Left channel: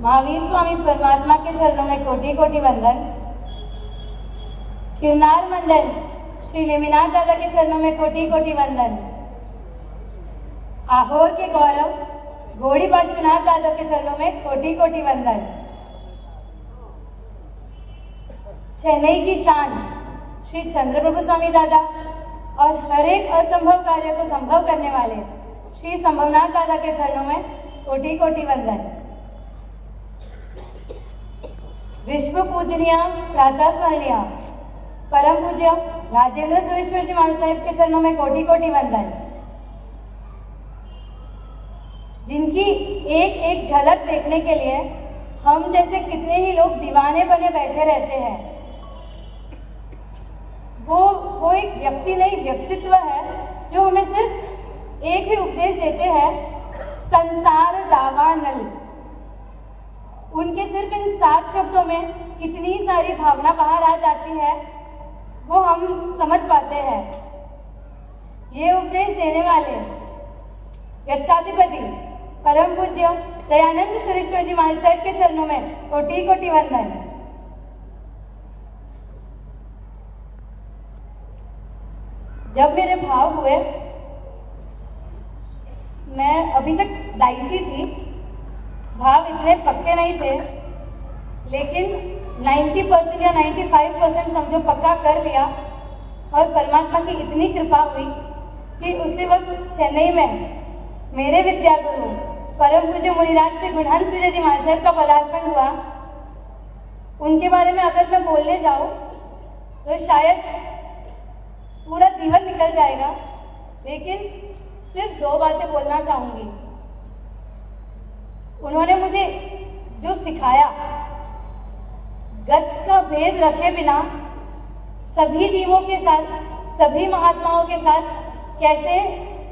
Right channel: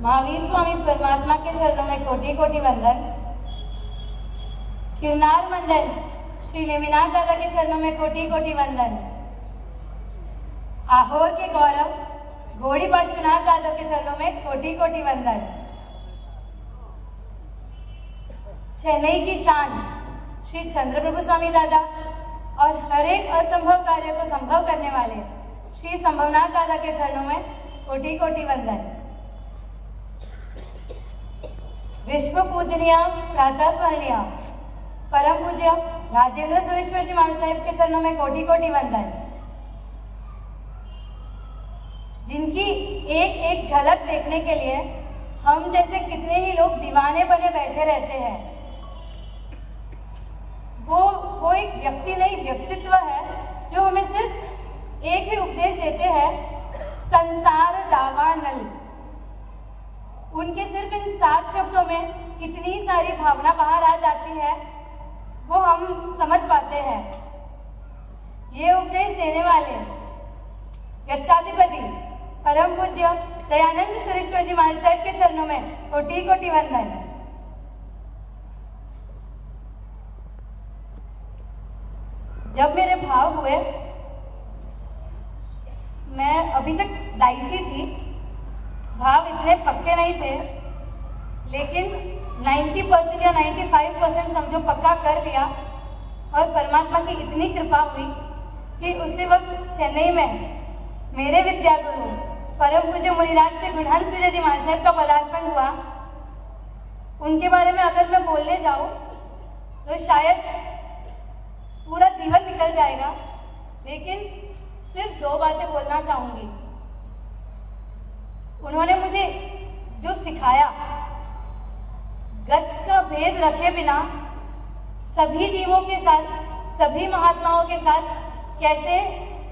महावीर स्वामी परमात्मा के चरणों में कोटि कोटि वंदन। किरनार मंडल श्री लेमिनाथ दादा के चरणों में कोटि कोटि वंदन। आहोर के गौरव घोड़ी पार्श्वनाथ दादा के चरणों में कोटि कोटि वंदन। चेन्नई की शान श्री चंद्रप्रभु स्वामी दादा और हर एक असंभव कार्य को संभव करने वाले श्री संभवनाथ दादा के चरणों में कोटि कोटि वंदन। विश्व पूजनीय प्रातः स्मरणीय परम पूज्य राजेंद्र सुरेश्वर जी महाराज साहिब के चरणों में कोटि कोटि वंदन, जिनकी एक एक झलक देखने के लिए हम जैसे कितने ही लोग दीवाने बने बैठे रहते हैं। वो एक व्यक्ति नहीं, व्यक्तित्व है जो हमें सिर्फ एक ही उपदेश देते हैं, संसार दावानल। उनके सिर्फ इन 7 शब्दों में इतनी सारी भावना बाहर आ जाती है, वो हम समझ पाते हैं। ये उपदेश देने वाले यच्छाधिपति परम पूज्य जयानंद सुरेश्वर जी महाराज साहिब के चरणों में कोटि कोटि वंदन। जब मेरे भाव हुए, मैं अभी तक डाइसी थी, भाव इतने पक्के नहीं थे, लेकिन 90% या 95% समझो पक्का कर लिया। और परमात्मा की इतनी कृपा हुई कि उसी वक्त चेन्नई में मेरे विद्यागुरु परम पूज्य मुनिराज श्री गुणहंस विजय जी महाराज साहब का पदार्पण हुआ। उनके बारे में अगर मैं बोलने जाऊं तो शायद पूरा जीवन निकल जाएगा, लेकिन सिर्फ 2 बातें बोलना चाहूंगी। उन्होंने मुझे जो सिखाया, गच्छ का भेद रखे बिना सभी जीवों के साथ, सभी महात्माओं के साथ कैसे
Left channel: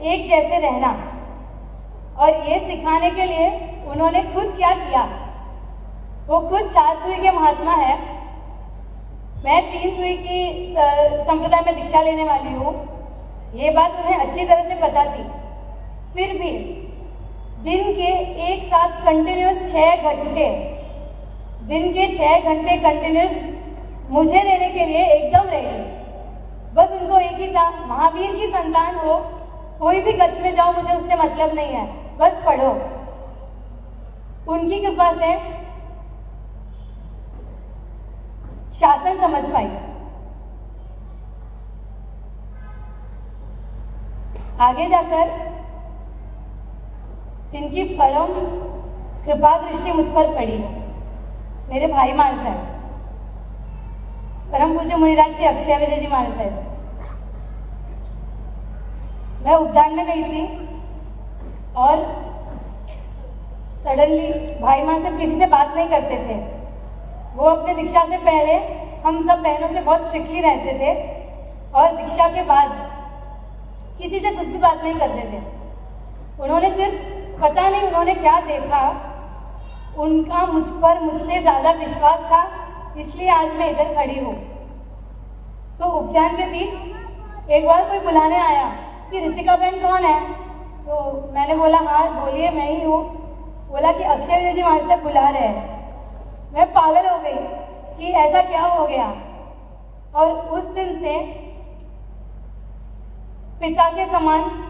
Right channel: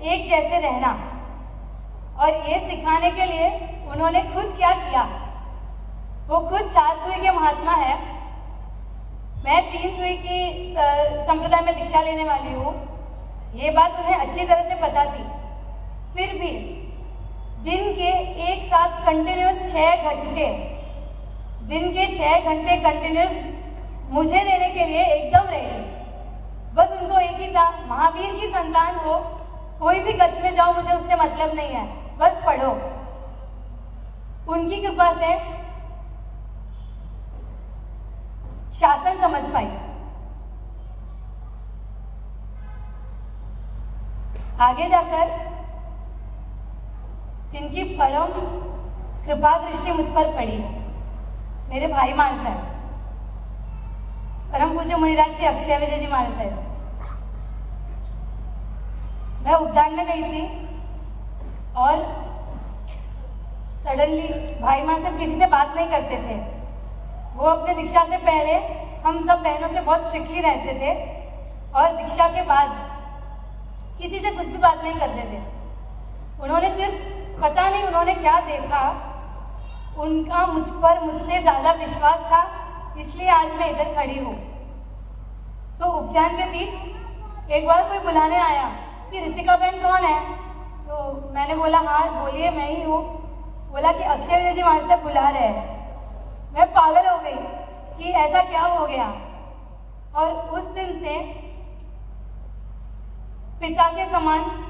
एक जैसे रहना, और ये सिखाने के लिए उन्होंने खुद क्या किया। वो खुद 4 थुई के महात्मा है, मैं 3 थुई की संप्रदाय में दीक्षा लेने वाली हूँ। ये बात उन्हें अच्छी तरह से पता थी, फिर भी दिन के एक साथ कंटिन्यूस 6 घंटे, दिन के 6 घंटे कंटिन्यूस मुझे देने के लिए एकदम रेडी। बस उनको एक ही था, महावीर की संतान हो, कोई भी गच्छ में जाओ, मुझे उससे मतलब नहीं है, बस पढ़ो। उनकी कृपा से शासन समझ पाई। आगे जाकर जिनकी परम कृपा दृष्टि मुझ पर पड़ी, मेरे भाई महाराज साहब, परम पूज्य मुनिराज श्री अक्षय विजय जी महाराज साहब। मैं उपदान में गई थी और सडनली भाई महाराज साहब किसी से बात नहीं करते थे। वो अपने दीक्षा से पहले हम सब बहनों से बहुत स्ट्रिक्टली रहते थे, और दीक्षा के बाद किसी से कुछ भी बात नहीं करते थे। उन्होंने सिर्फ पता नहीं उन्होंने क्या देखा, उनका मुझ पर मुझसे ज़्यादा विश्वास था, इसलिए आज मैं इधर खड़ी हूँ। तो उपचार के बीच एक बार कोई बुलाने आया कि रितिका बहन कौन है, तो मैंने बोला हाँ बोलिए मैं ही हूँ। बोला कि अक्षय विजय जी हमारे साथ बुला रहे हैं। मैं पागल हो गई कि ऐसा क्या हो गया। और उस दिन से पिता के समान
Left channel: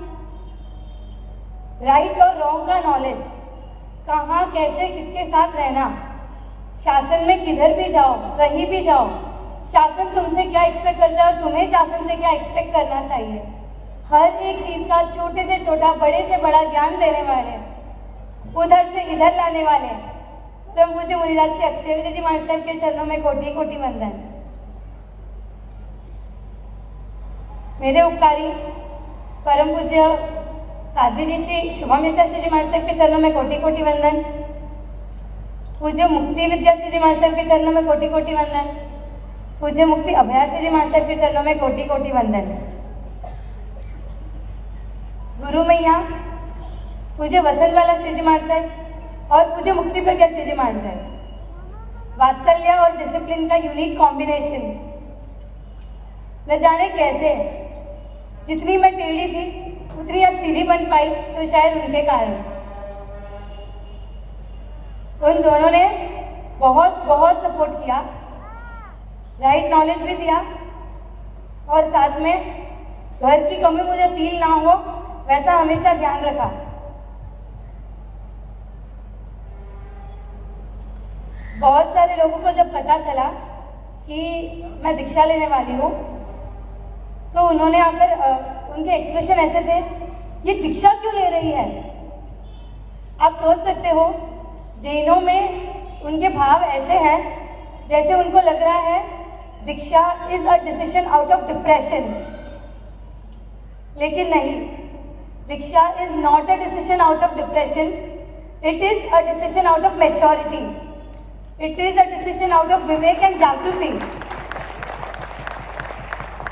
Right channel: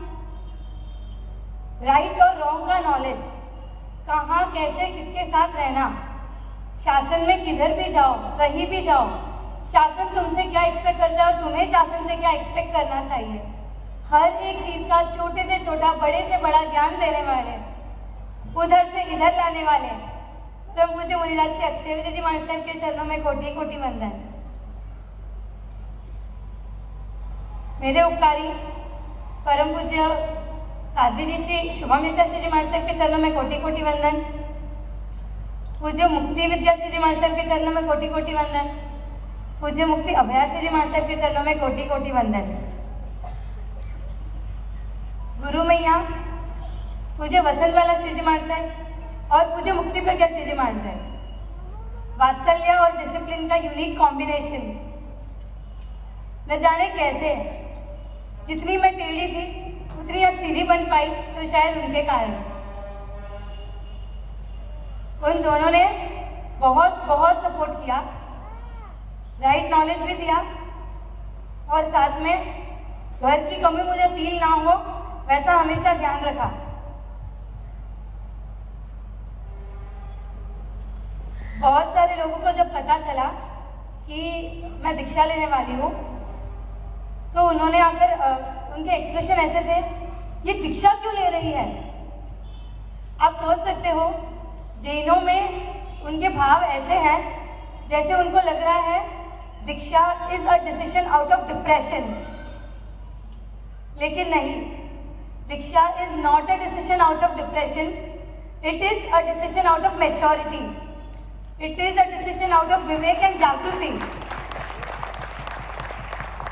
राइट और रॉन्ग का नॉलेज, कहाँ कैसे किसके साथ रहना, शासन में किधर भी जाओ, कहीं भी जाओ, शासन तुमसे क्या एक्सपेक्ट करता है और तुम्हें शासन से क्या एक्सपेक्ट करना चाहिए, हर एक चीज़ का छोटे से छोटा बड़े से बड़ा ज्ञान देने वाले, उधर से इधर लाने वाले परम पूज्य मुनिराज श्री अक्षय विजय जी महाराज साहब के चरणों में कोटि कोटि वंदन। मेरे उपकारी परम पूज्य साध्वी जी श्री शुभम यशाश्री जी महाराज साहब के चरणों में कोटि कोटि वंदन। पूज्य मुक्ति विद्याश्री जी महाराज साहब के चरणों में कोटि कोटि वंदन। पूज्य मुक्ति अभयाश्री जी महाराज साहब के चरणों में कोटि कोटि वंदन। गुरु मैया पूज्य वसंतवाला श्री जी महाराज साहब और पूज्य मुक्ति प्रज्ञा श्री जी महाराज साहब। वात्सल्य और डिसिप्लिन का यूनिक कॉम्बिनेशन, न जाने कैसे जितनी मैं टेढ़ी थी उतनी आज सीधी बन पाई, तो शायद उनके कारण। उन दोनों ने बहुत बहुत सपोर्ट किया, राइट नॉलेज भी दिया और साथ में घर की कमी मुझे फील ना हो वैसा हमेशा ध्यान रखा। बहुत सारे लोगों को जब पता चला कि मैं दीक्षा लेने वाली हूँ तो उन्होंने आकर उनके एक्सप्रेशन ऐसे थे, ये दीक्षा क्यों ले रही है। आप सोच सकते हो जैनों में उनके भाव ऐसे हैं जैसे उनको लग रहा है diksha is a decision out of depression, लेकिन नहीं, diksha is not a decision out of depression, it is a decision out of maturity, it is a decision out of vivek and jagriti.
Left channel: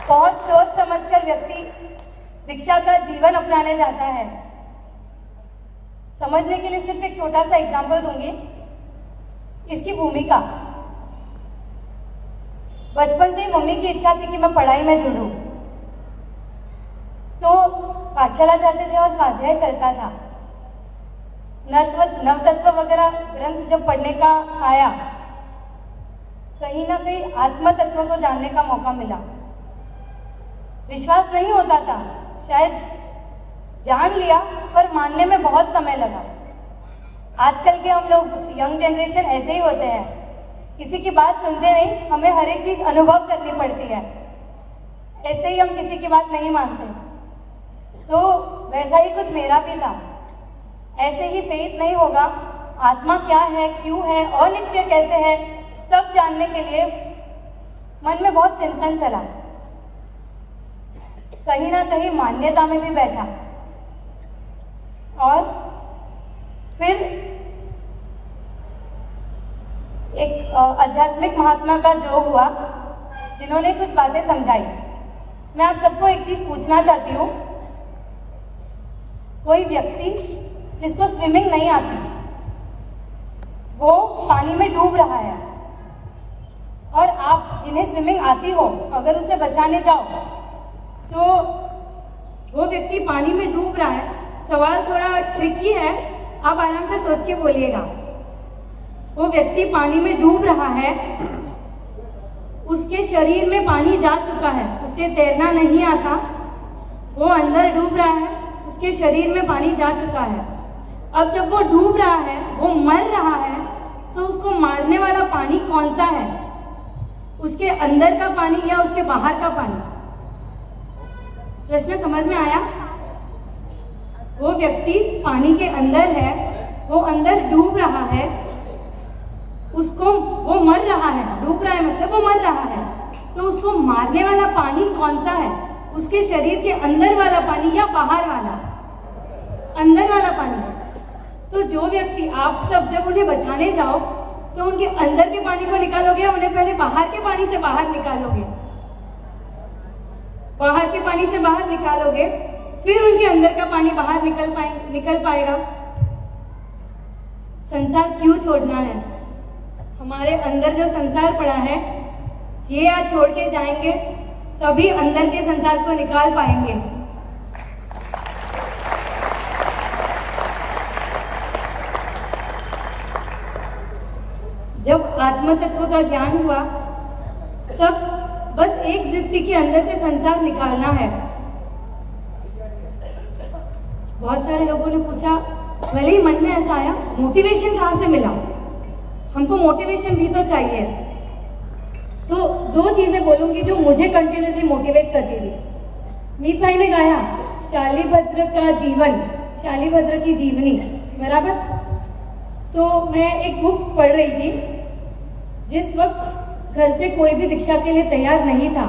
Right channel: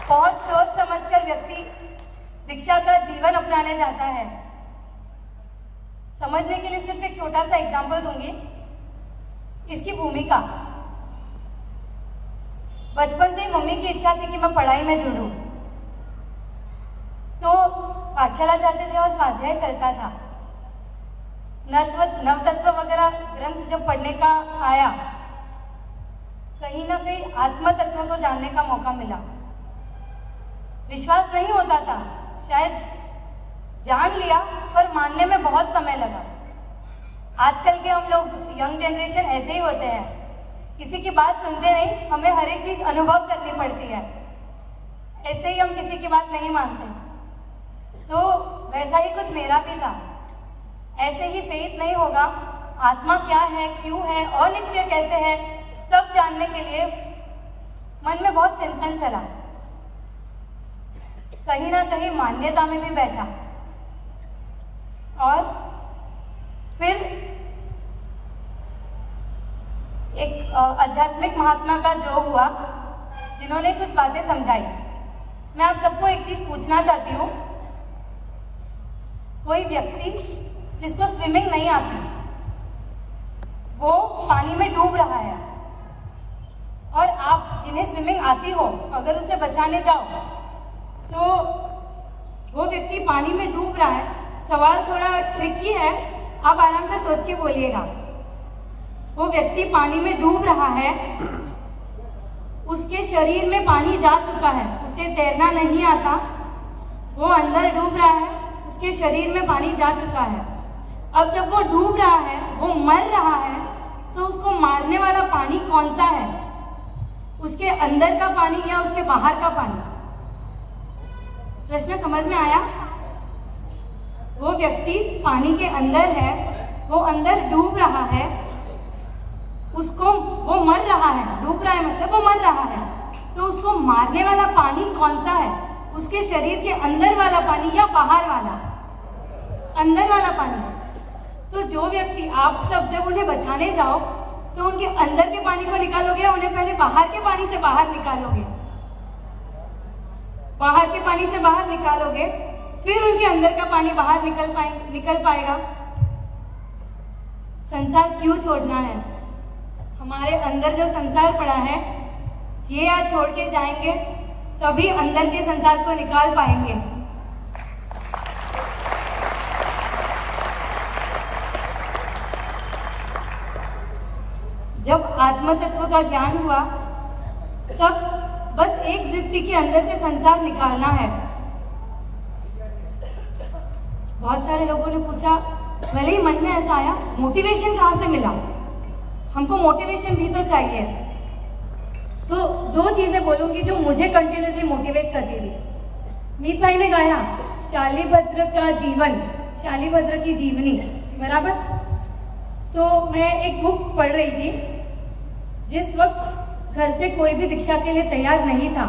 बहुत सोच समझकर व्यक्ति दीक्षा का जीवन अपनाने जाता है। समझने के लिए सिर्फ एक छोटा सा एग्जाम्पल दूंगी। इसकी भूमिका, बचपन से ही मम्मी की इच्छा थी कि मैं पढ़ाई में जुड़ूं, तो पाठशाला जाते थे और स्वाध्याय चलता था। नवतत्व वगैरह ग्रंथ जब पढ़ने का आया, कहीं ना कहीं आत्म तत्व को जानने का मौका मिला। विश्वास नहीं होता था, शायद जान लिया पर मानने में बहुत समय लगा। आजकल के हम लोग यंग जनरेशन ऐसे ही होते हैं, किसी की बात सुनते नहीं, हमें हर एक चीज़ अनुभव करनी पड़ती है। ऐसे ही हम किसी की बात नहीं मानते। तो वैसा ही कुछ मेरा भी था। ऐसे ही फेथ नहीं होगा, आत्मा क्या है, क्यों है, अनित्य कैसे है, सब जानने के लिए मन में बहुत चिंतन चला, कहीं ना कहीं मान्यता में भी बैठा। और फिर एक आध्यात्मिक महात्मा का योग हुआ जिन्होंने कुछ बातें समझाई। मैं आप सबको एक चीज पूछना चाहती हूँ, कोई व्यक्ति जिसको स्विमिंग नहीं आती, वो पानी में डूब रहा है, और आप जिन्हें स्विमिंग आती हो अगर उसे बचाने जाओ तो वो व्यक्ति पानी में डूब रहा है। सवाल थोड़ा ट्रिकी है, आप आराम से सोच के बोलिएगा। वो व्यक्ति पानी में डूब रहा है, उसके शरीर में पानी जा चुका है, उसे तैरना नहीं आता, वो अंदर डूब रहा है, उसके शरीर में पानी जा चुका है। अब जब वो डूब रहा है, वो मर रहा है, तो उसको मारने वाला पानी कौन सा है, उसके अंदर का पानी या उसके बाहर का पानी? प्रश्न समझ में आया? वो व्यक्ति पानी के अंदर है, वो अंदर डूब रहा है, उसको वो मर रहा है, डूब रहा है मतलब वो मर रहा है, तो उसको मारने वाला पानी कौन सा है, उसके शरीर के अंदर वाला पानी या बाहर वाला? अंदर वाला पानी। तो जो व्यक्ति, आप सब जब उन्हें बचाने जाओ तो उनके अंदर के पानी को निकालोगे, उन्हें पहले बाहर के पानी से बाहर निकालोगे, बाहर के पानी से बाहर निकालोगे, फिर उनके अंदर का पानी बाहर निकल पाएगा। संसार क्यों छोड़ना है? हमारे अंदर जो संसार पड़ा है, ये आज छोड़ के जाएंगे तभी अंदर के संसार को निकाल पाएंगे। जब आत्म तत्व का ज्ञान हुआ तब बस एक जिद थी कि अंदर से संसार निकालना है। बहुत सारे लोगों ने पूछा, भले ही मन में ऐसा आया, मोटिवेशन कहाँ से मिला? हमको मोटिवेशन भी तो चाहिए। तो दो चीजें बोलूंगी जो मुझे कंटिन्यूसली मोटिवेट करती थी। मीत भाई ने गाया शालीभद्र का जीवन, शालीभद्र की जीवनी, बराबर। तो मैं एक बुक पढ़ रही थी, जिस वक्त घर से कोई भी दीक्षा के लिए तैयार नहीं था,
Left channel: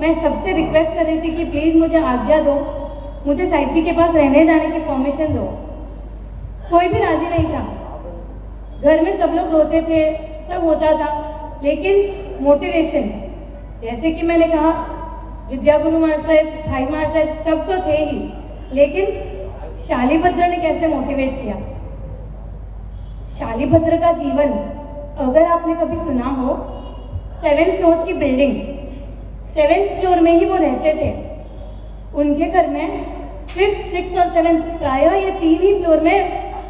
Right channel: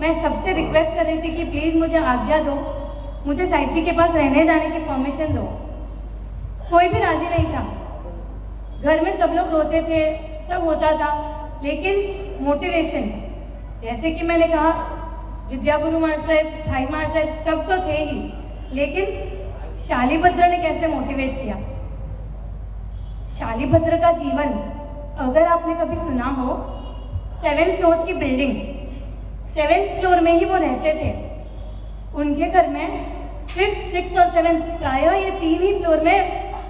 मैं सबसे रिक्वेस्ट कर रही थी कि प्लीज मुझे आज्ञा दो, मुझे साहिब जी के पास रहने जाने की परमिशन दो। कोई भी राजी नहीं था, घर में सब लोग रोते थे, सब होता था, लेकिन मोटिवेशन, जैसे कि मैंने कहा, विद्या गुरु महाराज साहब, भाई महाराज साहब सब तो थे ही, लेकिन शालीभद्र ने कैसे मोटिवेट किया? शालीभद्र का जीवन अगर आपने कभी सुना हो, 7 फ्लोर्स की बिल्डिंग, 7th फ्लोर में ही वो रहते थे। उनके घर में 5th, 6th और 7th, प्रायः ये 3 ही फ्लोर में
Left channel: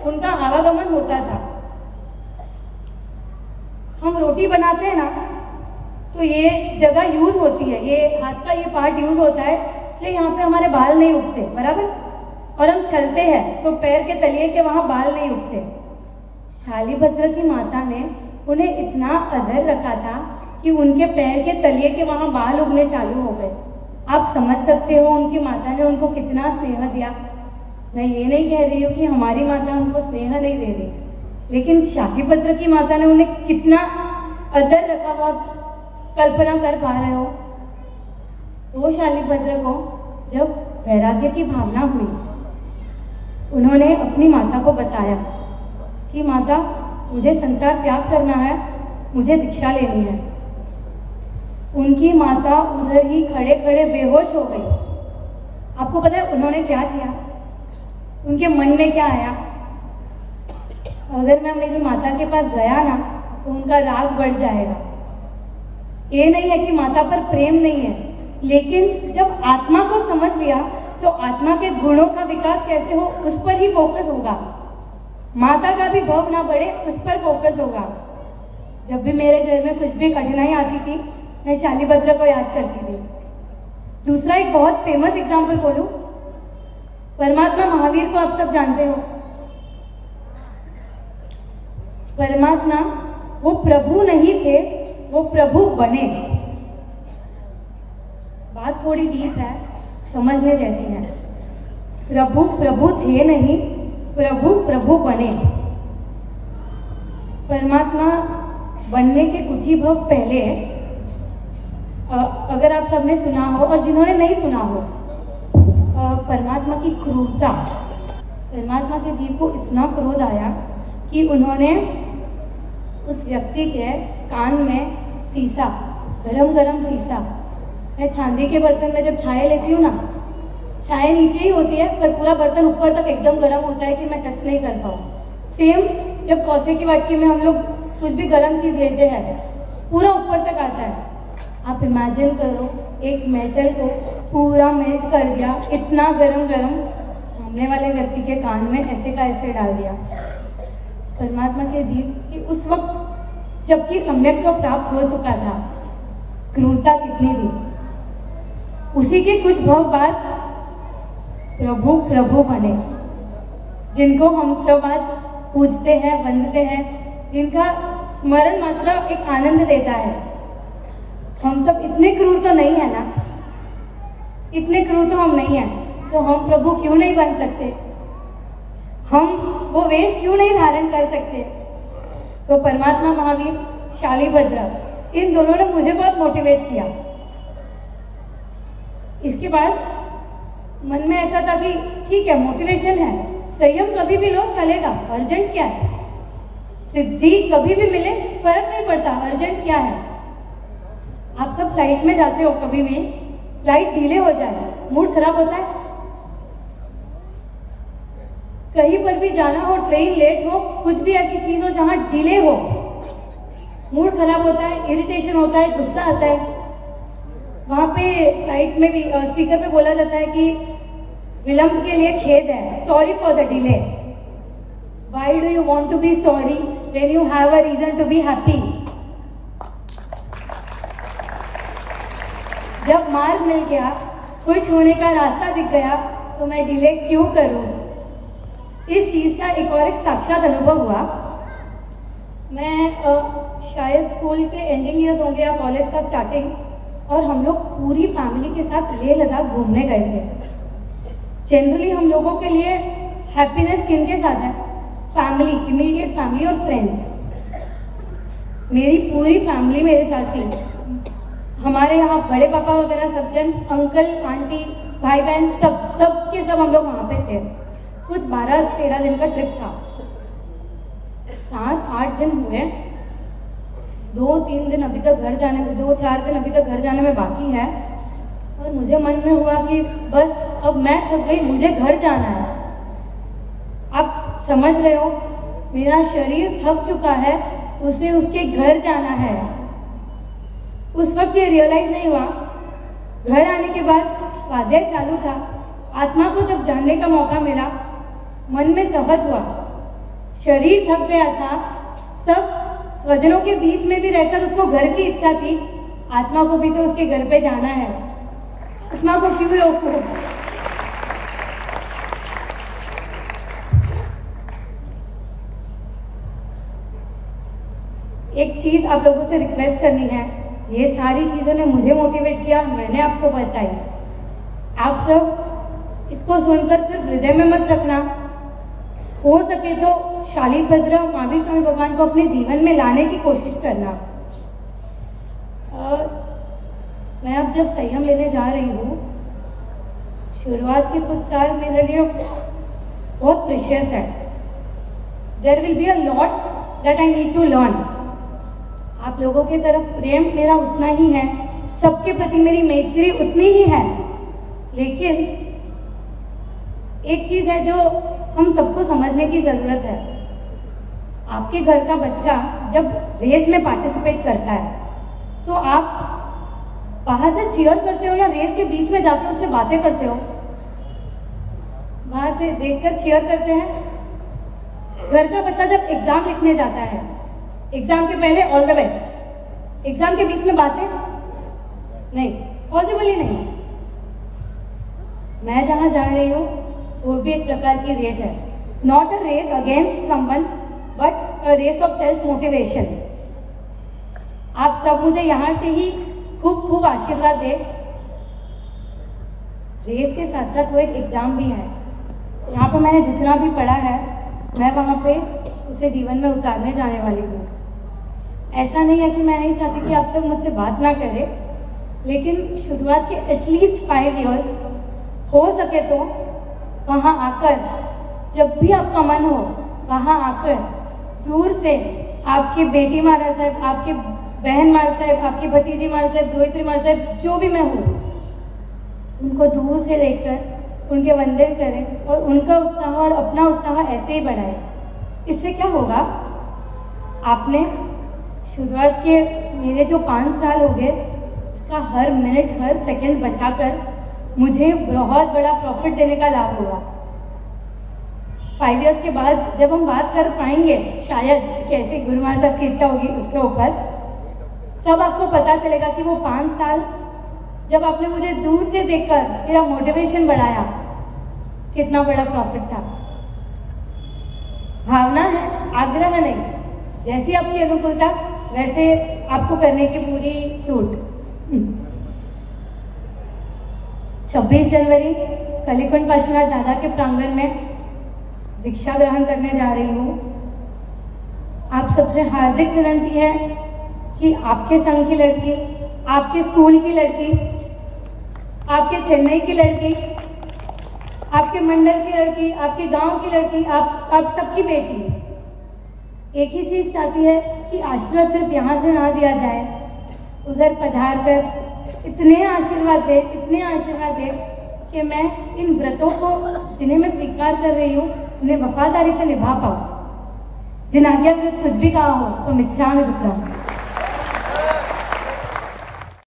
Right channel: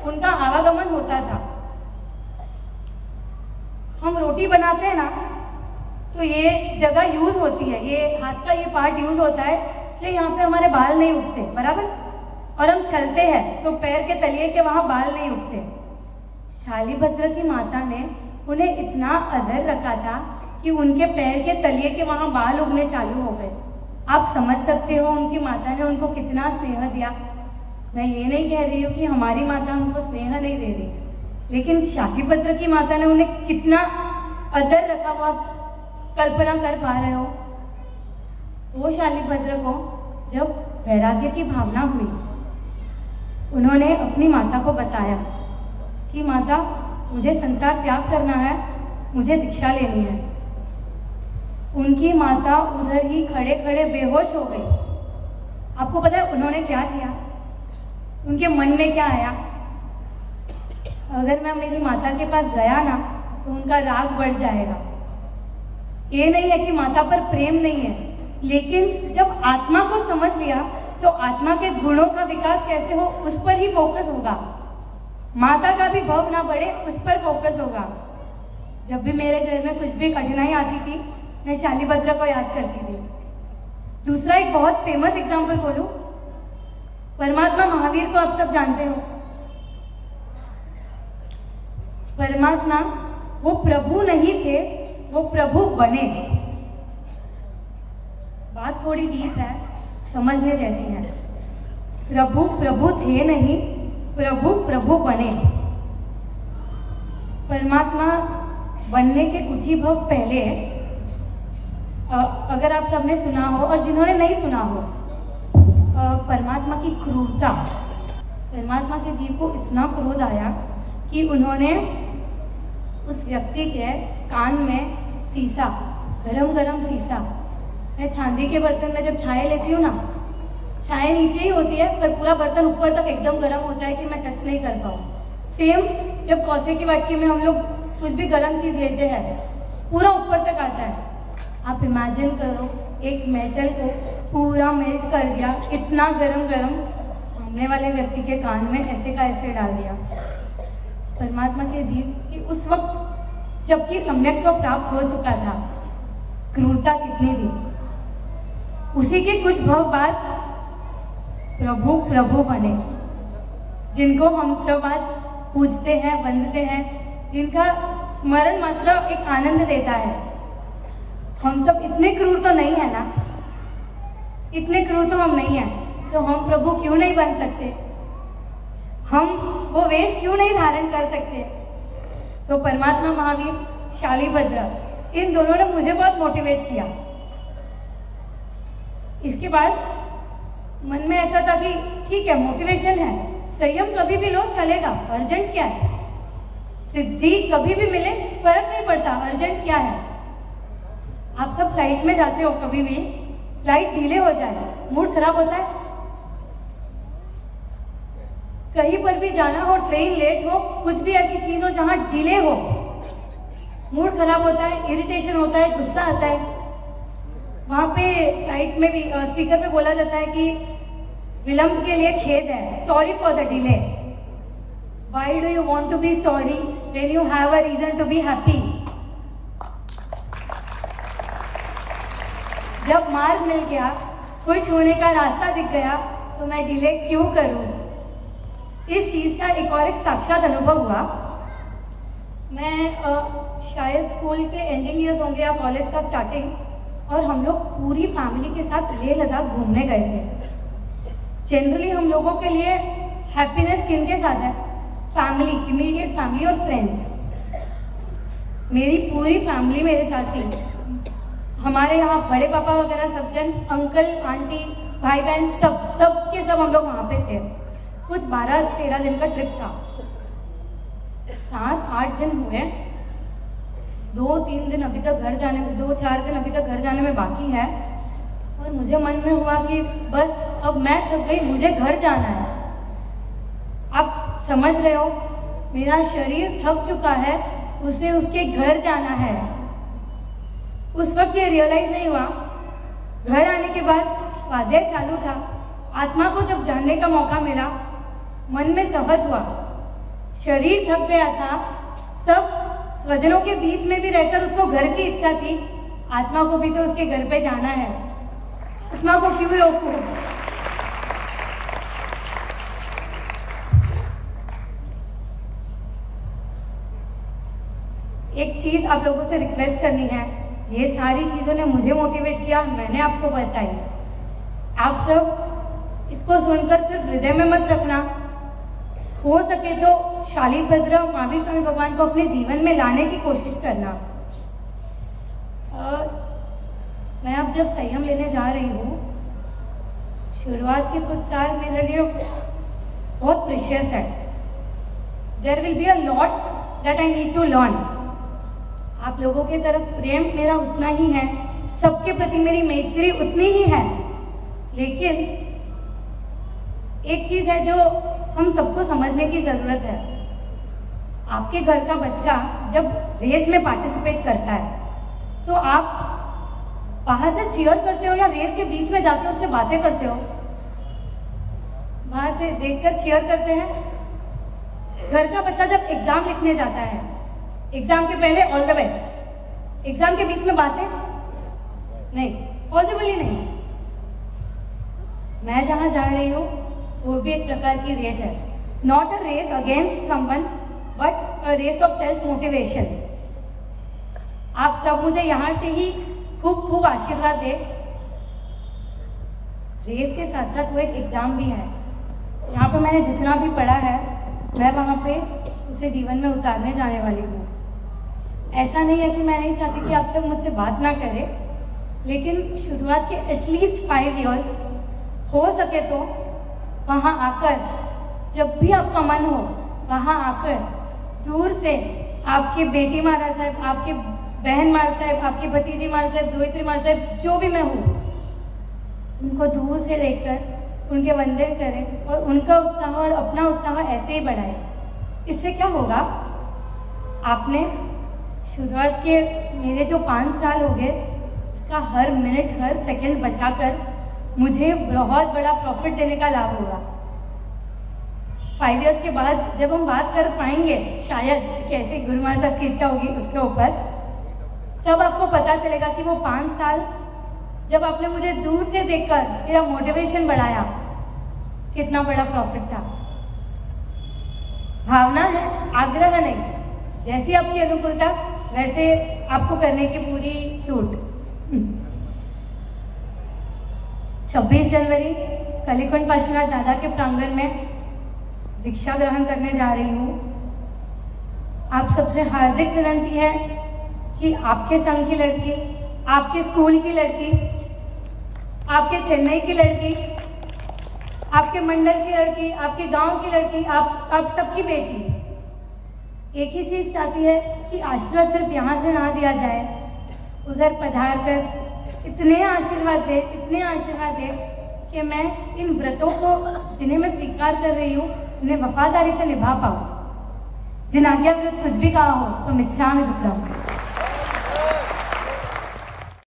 उनका आवागमन होता था। रोटी बनाते हैं ना, तो ये जगह यूज होती है, ये हाथ का ये पार्ट यूज होता है, इसलिए यहाँ पे हमारे बाल नहीं उगते, बराबर। और हम चलते हैं तो पैर के तलिए के वहाँ बाल नहीं उगते। शालिभद्र की माता ने उन्हें इतना आदर रखा था कि उनके पैर के तलिए के वहाँ बाल उगने चालू हो गए। आप समझ सकते हो उनकी माता ने उनको कितना स्नेह दिया। मैं ये नहीं कह रही हूँ कि हमारी माता उनको स्नेह नहीं दे रही, लेकिन शालिभद्र की माता ने उन्हें कितना आदर रखा वो आप कल्पना कर पा रहे हो। वो शालिभद्र को जब वैराग्य की भावना हुई, उन्होंने अपनी माता को बताया कि माता, मुझे संसार त्याग करना है, मुझे दीक्षा लेनी है। उनकी माता उधर ही खड़े खड़े बेहोश हो गई। आपको पता है उन्होंने क्या किया? उनके मन में क्या आया? अगर मैं मेरी माता के पास गया ना तो उनका राग बढ़ जाएगा। ये नहीं है कि माता पर प्रेम नहीं है, लेकिन जब आत्मा को समझ लिया तो आत्मा के गुणों का विकास कैसे हो उस पर ही फोकस होगा। माता का भी भव ना बढ़े उस पर फोकस होगा। जब भी मेरे घर में कुछ भी कठिनाई आती थी, मैं शालिभद्र को याद करती थी। दूसरा एक बहुत फेमस एग्जाम्पल बोलूं, परमात्मा महावीर को आप सब जानते हो। परमात्मा वो प्रभु नहीं थे, वो प्रभु बने। बात थोड़ी डीप है, समझने जैसी है। प्रभु प्रभु थे नहीं, प्रभु प्रभु बने। परमात्मा बनने के कुछ ही भव पहले, अगर आप सबने सुना हो और जिन्होंने नहीं सुना हो, परमात्मा की क्रूरता, परमात्मा के जीव को इतना क्रोध आया कि उन्होंने उस व्यक्ति के कान में शीशा, गरम गरम शीशा, मैं चांदी के बर्तन में जब चाय लेती हूँ ना, चाय नीचे ही होती है पर पूरा बर्तन ऊपर तक एकदम गर्म होता है कि मैं टच नहीं कर पाऊँ। सेम जब कौसे की वाटकी में हम लोग कुछ भी गर्म चीज़ लेते हैं, पूरा ऊपर तक आता है। आप इमेजिन करो, एक मेटल को पूरा मेल्ट कर दिया, इतना गरम गरम, सामने वाले व्यक्ति के कान में ऐसे का ऐसे डाल दिया। परमात्मा के जीव कि उस वक्त जबकि सम्यक तो प्राप्त हो चुका था, क्रूरता कितनी थी। उसी के कुछ भव बाद प्रभु प्रभु बने, जिनको हम सब आज पूजते हैं, वंदते हैं, जिनका स्मरण मात्र एक आनंद देता है। हम सब इतने क्रूर तो नहीं है ना, इतने क्रूर तो हम नहीं हैं, तो हम प्रभु क्यों नहीं बन सकते? हम वो वेश क्यों नहीं धारण कर सकते? तो परमात्मा महावीर, शालिभद्र, इन दोनों ने मुझे बहुत मोटिवेट किया। इसके बाद मन में ऐसा था कि ठीक है, मोटिवेशन है, संयम कभी भी लो चलेगा, अर्जेंट क्या है? सिद्धि कभी भी मिले फर्क नहीं पड़ता, अर्जेंट क्या है? आप सब फ्लाइट में जाते हो, कभी भी फ्लाइट डिले हो जाए मूड खराब होता है। कहीं पर भी जाना हो, ट्रेन लेट हो, कुछ भी ऐसी चीज हो जहां डिले हो, मूड खराब होता है, इरिटेशन होता है, गुस्सा आता है। वहां पे फ्लाइट में भी स्पीकर पे बोला जाता है कि विलंब के लिए खेद है, sorry for the delay. Why do you want to be sorry when you have a reason to be happy? जब मार्ग मिल गया, खुश होने का रास्ता दिख गया, तो मैं डिले क्यों करूं? इस चीज का एक और एक साक्षात अनुभव हुआ। मैं शायद स्कूल के एंडिंग ईयर्स होंगे या कॉलेज का स्टार्टिंग, और हम लोग पूरी फैमिली के साथ लेह लद्दाख घूमने गए थे। जनरली हम लोगों के लिए हैप्पीनेस किन के साथ है? फैमिली, इमीडिएट फैमिली और फ्रेंड्स। मेरी पूरी फैमिली मेरे साथ थी। हमारे यहाँ बड़े पापा वगैरह सब जन, अंकल आंटी भाई बहन सब के सब हम लोग वहाँ पे थे। कुछ 12-13 दिन का ट्रिप था। 7-8 दिन हुए, 2-3 दिन अभी तक घर जाने में, 2-4 दिन अभी तक घर जाने में बाकी है, और मुझे मन में हुआ कि बस अब मैं थक गई, मुझे घर जाना है। आप समझ रहे हो, मेरा शरीर थक चुका है, उसे उसके घर जाना है। उस वक्त ये रियलाइज नहीं हुआ। घर आने के बाद स्वाध्याय चालू था, आत्मा को जब जानने का मौका मिला, मन में सहज हुआ, शरीर थक गया था, सब स्वजनों के बीच में भी रहकर उसको घर की इच्छा थी, आत्मा को भी तो उसके घर पे जाना है, आत्मा को क्यों रोको। एक चीज आप लोगों से रिक्वेस्ट करनी है, ये सारी चीजों ने मुझे मोटिवेट किया, मैंने आपको बताई। आप सब इसको सुनकर सिर्फ हृदय में मत रखना, हो सके तो शालिभद्र महावीर स्वामी भगवान को अपने जीवन में लाने की कोशिश करना। और मैं अब जब संयम लेने जा रही हूँ, शुरुआत के कुछ साल मेरे लिए बहुत प्रेशियस है। There will be a lot that I need to learn. आप लोगों की तरफ प्रेम मेरा उतना ही है, सबके प्रति मेरी मैत्री उतनी ही है, लेकिन एक चीज है जो हम सबको समझने की जरूरत है। आपके घर का बच्चा जब रेस में पार्टिसिपेट करता है तो आप बाहर से चीयर करते हो या रेस के बीच में जाकर उससे बातें करते हो? बाहर से देखकर चीयर करते हैं। घर का बच्चा जब एग्जाम लिखने जाता है, एग्जाम के पहले ऑल द बेस्ट, एग्जाम के बीच में बातें नहीं, पॉसिबल ही नहीं। मैं जहां जा रही हूँ वो भी एक प्रकार की रेस है, not a race against someone but a race of self motivation. आप सब मुझे यहाँ से ही खूब खूब आशीर्वाद दे। रेस के साथ साथ वो एक एग्जाम भी है। यहाँ पर मैंने जितना भी पढ़ा है मैं वहाँ पे उसे जीवन में उतारने जाने वाली हूँ। ऐसा नहीं है कि मैं नहीं चाहती कि आप सब मुझसे बात ना करें, लेकिन शुरुआत के एटलीस्ट 5 इयर्स हो सके तो वहाँ आकर, जब भी आपका मन हो वहाँ आकर दूर से आपकी बेटी महाराज साहब, आपकी बहन महाराज साहब, आपकी भतीजी महाराज साहब, दोहित्री महाराज साहब, जो भी मैं हूँ, उनको दूर से देखकर उनके वंदन करें और उनका उत्साह और अपना उत्साह ऐसे ही बढ़ाए। इससे क्या होगा, आपने शुरुआत के मेरे जो 5 साल हो गए उसका हर मिनट हर सेकंड बचाकर मुझे बहुत बड़ा प्रॉफिट देने का लाभ होगा। 5 इयर्स के बाद जब हम बात कर पाएंगे, शायद कैसे गुरु महाराज साहब की इच्छा होगी उसके ऊपर, तब आपको पता चलेगा कि वो 5 साल जब आपने मुझे दूर से देखकर मेरा मोटिवेशन बढ़ाया, कितना बड़ा प्रॉफिट था। भावना है, आग्रह नहीं। जैसी आपकी अनुकूलता वैसे आपको करने की पूरी छूट। 26 जनवरी कलीकुंड पार्श्वनाथ दादा के प्रांगण में दीक्षा ग्रहण करने जा रही हूँ। आप सबसे हार्दिक विनंती है कि आपके संघ की लड़की, आपके स्कूल की लड़की, आपके चेन्नई की लड़की, आपके मंडल की लड़की, आपके गांव की लड़की, आप सबकी बेटी एक ही चीज चाहती है कि आशीर्वाद सिर्फ यहाँ से ना दिया जाए, उधर पधार कर इतने आशीर्वाद दे कि मैं इन व्रतों को जिन्हें मैं स्वीकार कर रही हूँ उन्हें वफादारी से निभा पाऊँ। जिन आज्ञा विरुद्ध कुछ भी कहा हो तो मिच्छामि दुक्कडम।